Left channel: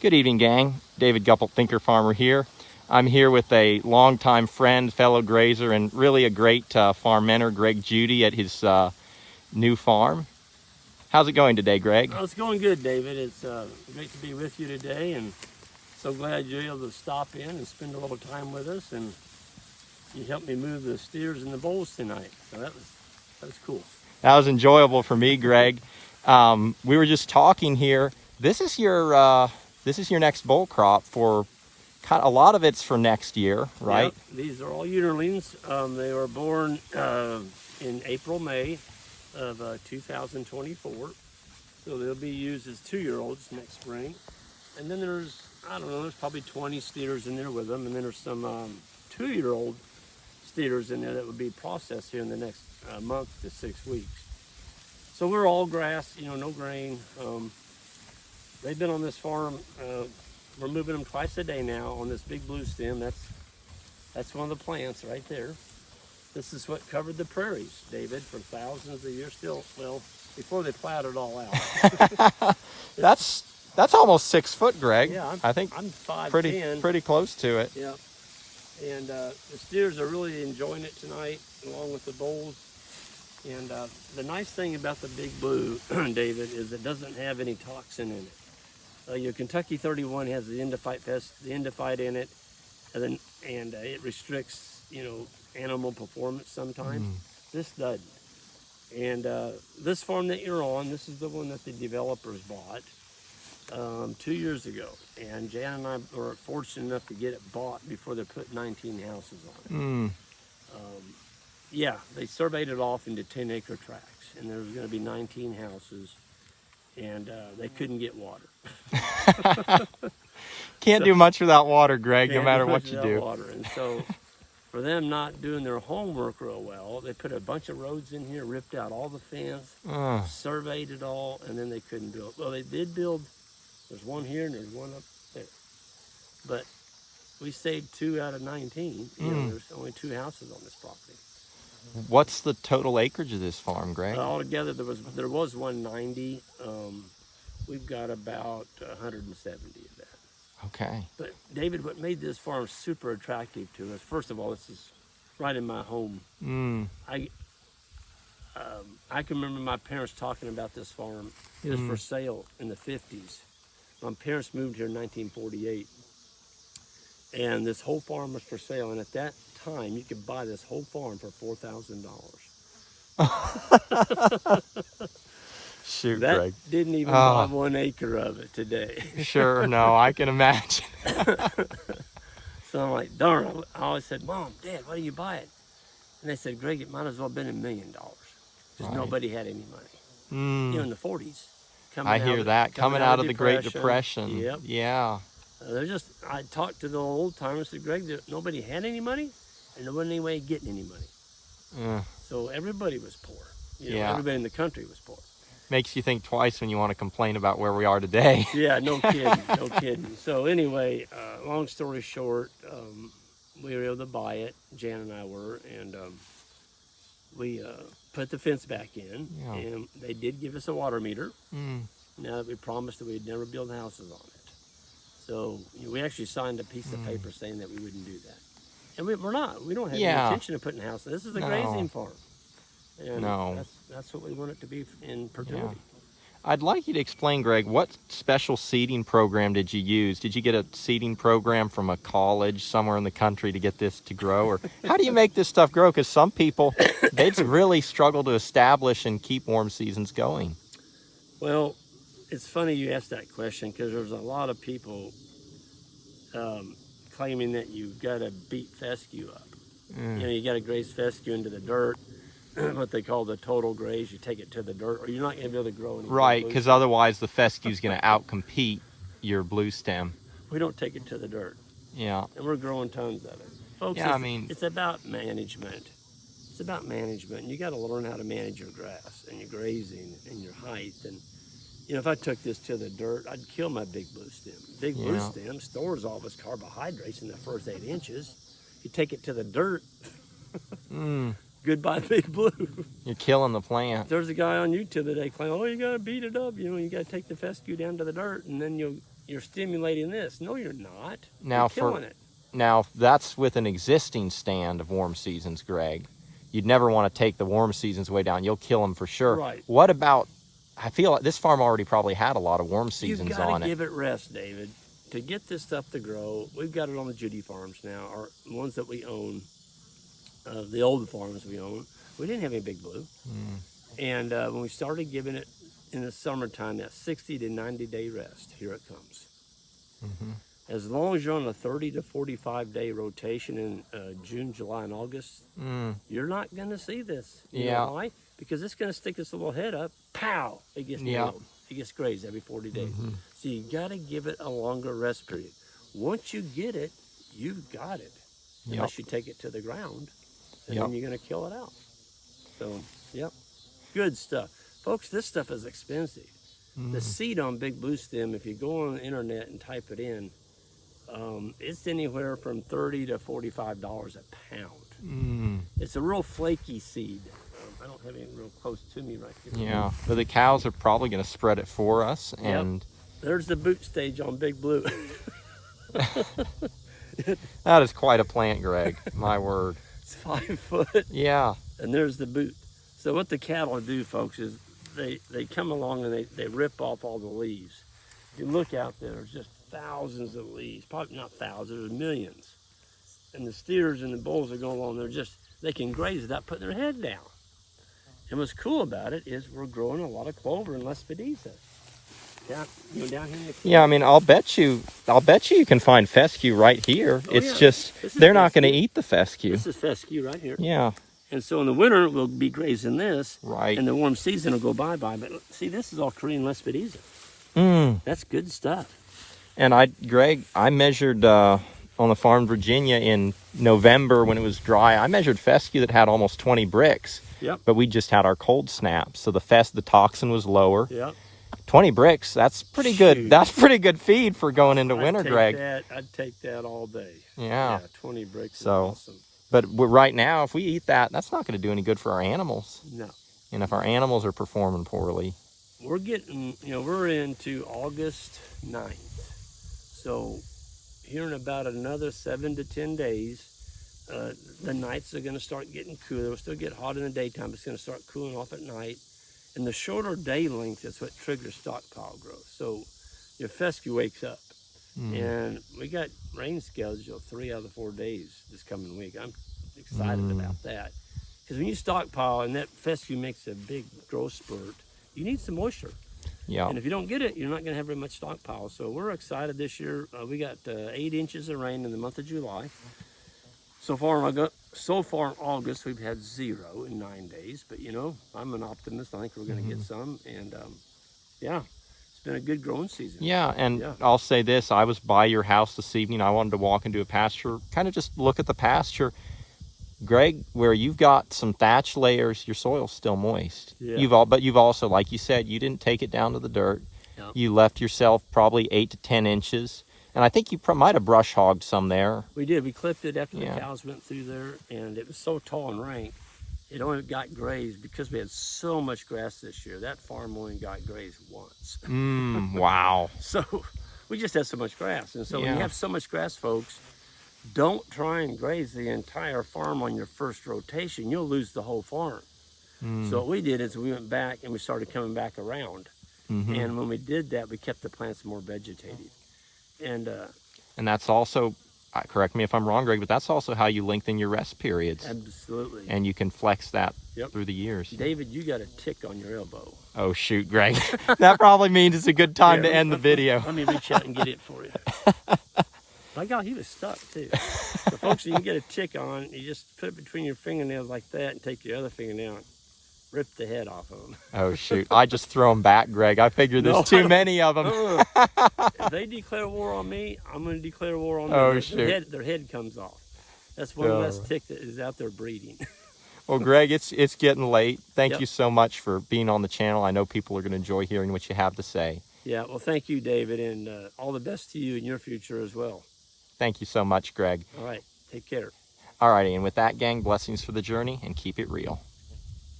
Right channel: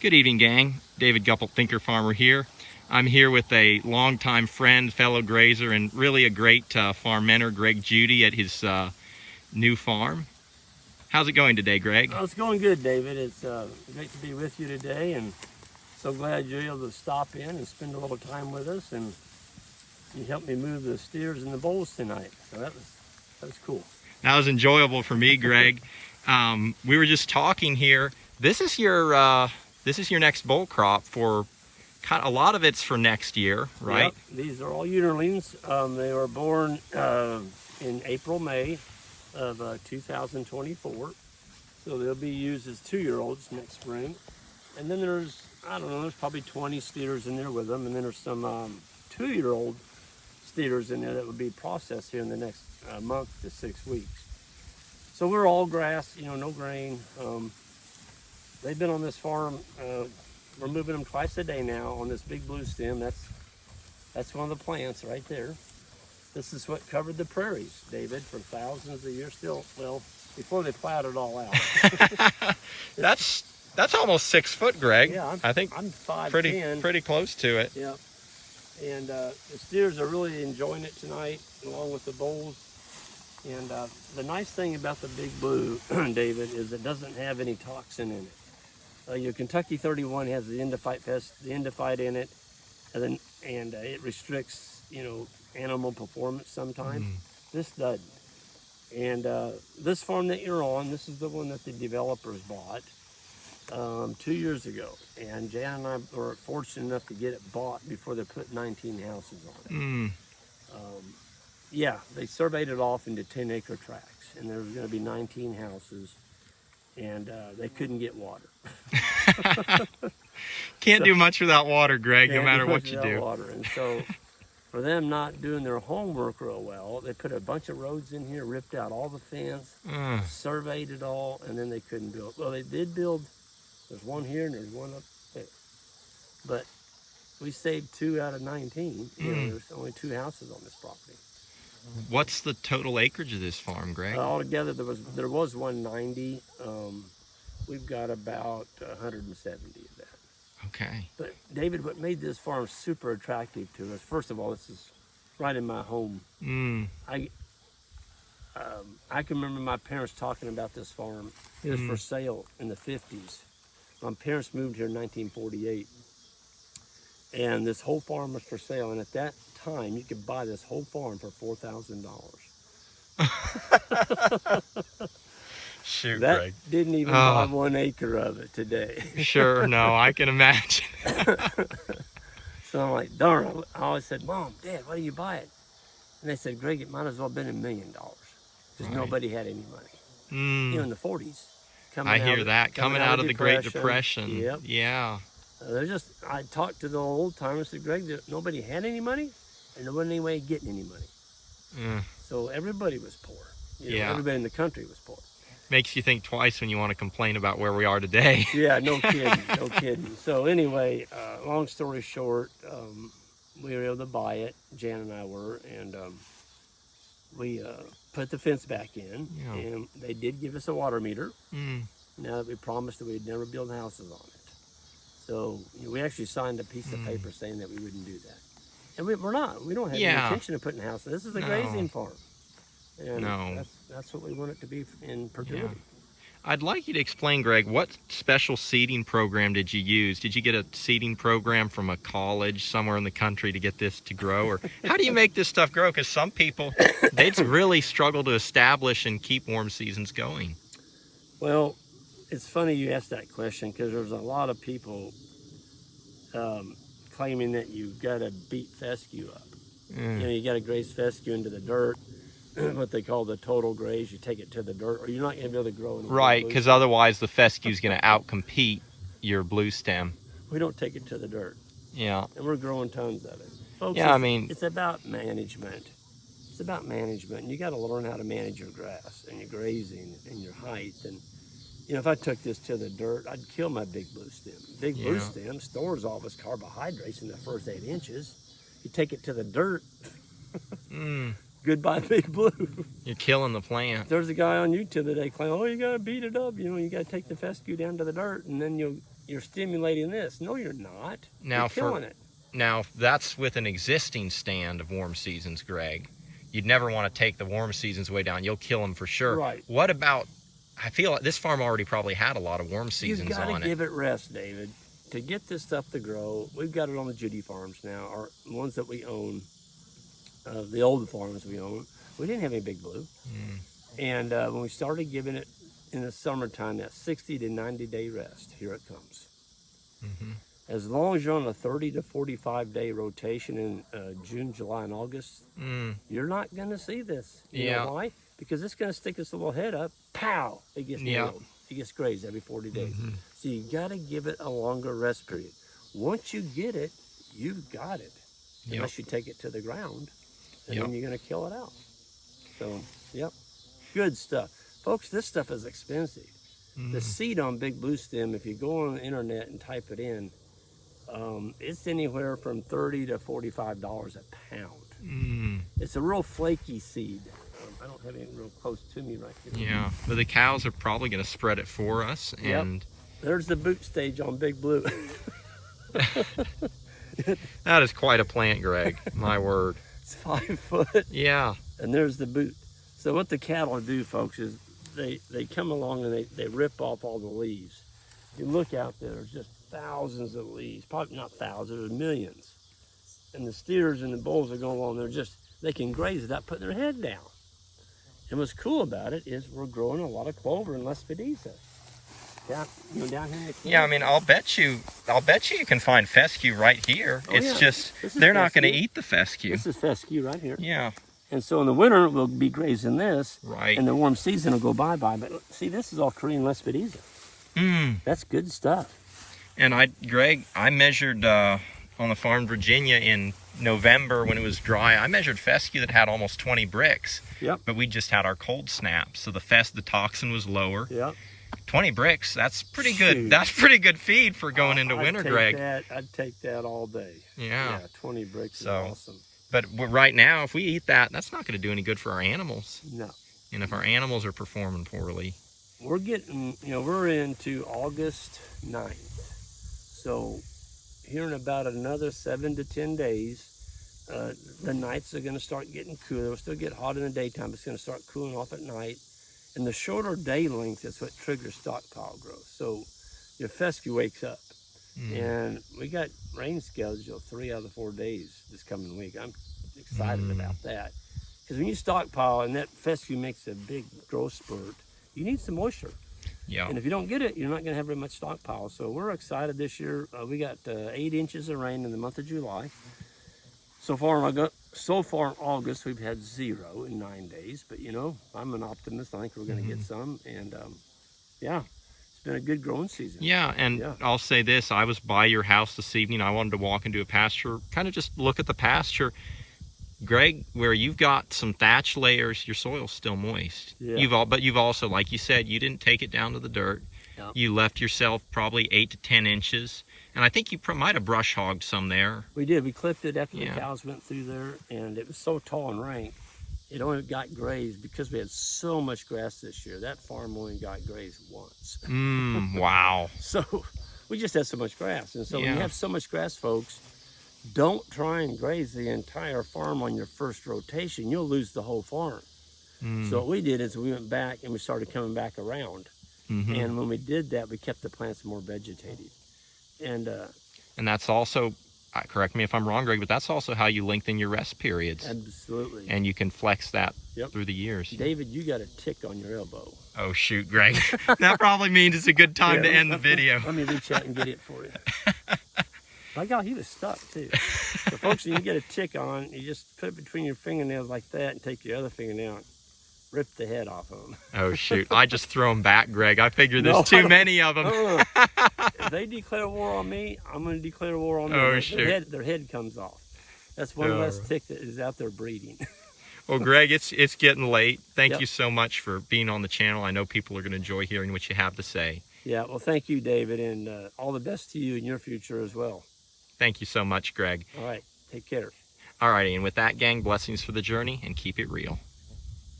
Good evening, gang. David Gupple, Thinker Farmer here. I'm here with a longtime friend, fellow grazer, and really a great farm mentor, Greg Judy, at his new farm. How's it going today, Greg? Well, it's going good, David. It's great to be with you today, and so glad you're able to stop in and spend a little time with us, and you helped me move the steers and the bulls tonight. So that was cool. That was enjoyable for me, Greg. We were just talking here. This is your next bull crop for a lot of it's for next year, right? Yep. These are all yearlings. They were born in April, May of 2024. So they'll be used as 2-year-olds next spring. And then there's, I don't know, there's probably 20 steers in there with them. And then there's some 2-year-old steers in there that would be processed here in the next month to 6 weeks. So we're all grass, no grain. They've been on this farm. We're moving them twice a day now on this big blue stem. That's one of the plants right there. This is what covered the prairies, David, for thousands of years. Still, well, before they plowed it all out. That's almost 6 foot, Greg. Yeah, I think I'm 5'10". pretty close to it. Yeah, and the steers are really enjoying it tonight, along with the bulls. And the nice thing about the big blue, David, is it doesn't have any toxin in it. Your Kentucky 31 has the endophyte in it, and it restricts, animal performance sometimes. This doesn't. And this farm that you're on, this is the one that the developers bought 2 years ago. And Jan and I were fortunate enough to get it bought before they put 19 houses on it. Yeah, they surveyed it off into 10-acre tracts, and there was going to be 19 houses, and they couldn't get water. Can't do much without water, Greg, no matter what you do. Water. And so for them not doing their homework real well, they put a bunch of roads in here, ripped out all the fence, surveyed it all, and then they couldn't build. Well, they did build. There's one here and there's one up there. But we saved 2 out of 19. There's only 2 houses on this property. What's the total acreage of this farm, Greg? Altogether, there was 190. We've got about 170 of that. Okay. But David, what made this farm super attractive to us, first of all, this is right in my home. I can remember my parents talking about this farm. It was for sale in the 50s. My parents moved here in 1948. And this whole farm was for sale. And at that time, you could buy this whole farm for $4,000. Shoot, that Greg. Didn't even buy 1 acre of it today. Sure, no, I can imagine. So I'm like, darn, I always said, Mom, Dad, why do you buy it? And they said, Greg, it might as well have been $1 million because nobody had any money. In the 40s. I hear that, coming out of the Great Depression. Yep. Yeah. I talked to the old timers, said, Greg, nobody had any money and there wasn't any way of getting any money. So everybody was poor. Everybody in the country was poor. Makes you think twice when you want to complain about where we are today. Yeah, no kidding, no kidding. So anyway, long story short, we were able to buy it, Jan and I were, and we put the fence back in, and they did give us a water meter. Now that we promised that we'd never build houses on it. So we actually signed a piece of paper saying that we wouldn't do that. And we're not. We don't have any intention of putting houses. This is a grazing farm. And that's what we want it to be in perpetuity. Yeah. I'd like you to explain, Greg, what special seeding program did you use? Did you get a seeding program from a college somewhere in the country to get this to grow? Or how do you make this stuff grow? Because some people, they'd really struggle to establish and keep warm seasons going. Well, it's funny you asked that question because there's a lot of people claiming that you've got to beat fescue up. You got to graze fescue into the dirt. What they call the total graze, you take it to the dirt, or you're not going to be able to grow anything. Right, because otherwise the fescue is going to outcompete your blue stem. We don't take it to the dirt. Yeah. And we're growing tons of it. Folks, it's about management. It's about management. You got to learn how to manage your grass and your grazing and your height. And if I took this to the dirt, I'd kill my big blue stem. Big blue stem stores all of its carbohydrates in the first 8 inches. You take it to the dirt. Goodbye, big blue. You're killing the plant. There's a guy on YouTube today claiming, oh, you got to beat it up. You got to take the fescue down to the dirt, and then you'll you're stimulating this. No, you're not. Now you're killing it. Now, that's with an existing stand of warm seasons, Greg. You'd never want to take the warm seasons way down. You'll kill them for sure. Right. What about, I feel like this farm already probably had a lot of warm seasons You've on got it. to give it rest, David. To get this stuff to grow, we've got it on the Judy farms now, or ones that we own, the old farms we own. We didn't have any Big Blue. And when we started giving it in the summertime, that 60 to 90 day rest, here it comes. As long as you're on a 30 to 45 day rotation in June, July, and August, you're not going to see this. You know why? Because it's going to stick its little head up, pow, it gets nailed. It gets grazed every 40 days. So you got to give it a longer rest period. Once you get it, you've got it. Unless you take it to the ground, and then you're going to kill it out. So, good stuff. Folks, this stuff is expensive. The seed on Big Blue Stem, if you go on the internet and type it in, it's anywhere from $30 to $45 a pound. It's a real flaky seed. I don't have anything real close to me right here. Yeah, but the cows are probably going to spread it for us. And there's the boot stage on Big Blue. that is quite a plant, Greg. My word. It's 5 foot. Yeah. And there's the boot. So what the cattle do, folks, is they come along and they rip off all the leaves. You look out there, there's just thousands of leaves. Probably not thousands, there's millions. And the steers and the bulls that go along, they can graze without putting their head down. And what's cool about it is we're growing a lot of clover and lespedeza. Down here in the Yeah, I mean, I'll bet you can find fescue right here. It's just they're not going to eat the fescue. This is fescue right here. Yeah. And so in the winter we'll be grazing this. Right. And the warm season will go bye-bye. But see, this is all Korean lespedeza. That's good stuff. And Greg, I measured on the farm in Virginia in November when it was dry. I measured fescue that had almost 20 bricks. Yep. But we just had our cold snap, so the toxin was lower. Yep. 20 bricks, that's pretty good. That's pretty good feed for going into winter, Greg. I'd take that all day. Yeah. 20 bricks is awesome. But right now, if we eat that, that's not going to do any good for our animals. No. And if our animals are performing poorly. We're getting, we're into August 9th. So here in about another 7 to 10 days, the nights are going to start getting cooler. It'll still get hot in the daytime. It's going to start cooling off at night. And the shorter day length is what triggers stockpile growth. So your fescue wakes up. And we got rain scheduled 3 out of the 4 days this coming week. I'm excited about that. Because when you stockpile and that fescue makes a big growth spurt, you need some moisture. Yeah. And if you don't get it, you're not going to have very much stockpile. So we're excited this year. We got 8 inches of rain in the month of July. So far in August, we've had 0 in 9 days. But, I'm an optimist. I think we're going to get some. And, it's been a good growing season. Yeah, and I'll say this. I was by your house this evening. I wanted to walk into a pasture, kind of just look at the pasture. Greg, where you've got some thatch layers, your soil's still moist. Yeah. But you've also, like you said, you didn't take it down to the dirt. Yep. You left yourself probably 8 to 10 inches. And I think you might have brush hogged some there. We did. We clipped it after the cows went through there, and it was so tall and rank. It only got grazed because we had so much grass this year. That farm only got grazed once. Wow. So we just had so much grass. And so when you have so much grass, folks, don't try and graze the entire farm on your first rotation. You'll lose the whole farm. So what we did is we went back and we started coming back around. And when we did that, we kept the plants more vegetated. And that's also, correct me if I'm wrong, Greg, but that's also how you lengthen your rest periods. Absolutely. And you can flex that through the years. David, you got a tick on your elbow. Oh, shoot, Greg. That probably means it's a good time to end the video. Let me reach out and get it for you. My God, he was stuck, too. So, folks, you can get a tick on, you just put it between your fingernails like that and take your other fingernail and rip the head off of them. Oh, shoot. I just throw them back, Greg. I figure there's too many of them. If they declare war on me, I'm going to declare war on them. Oh, shoot. Their head comes off. That's one less tick that is out there breeding. Well, Greg, it's getting late. Thank you so much for being on the channel. I know people are going to enjoy hearing what you have to say. Yeah, well, thank you, David, and all the best to you in your future as well. Thank you so much, Greg. All right, take care. All righty, and with that, gang, blessings for the journey, and keep it real.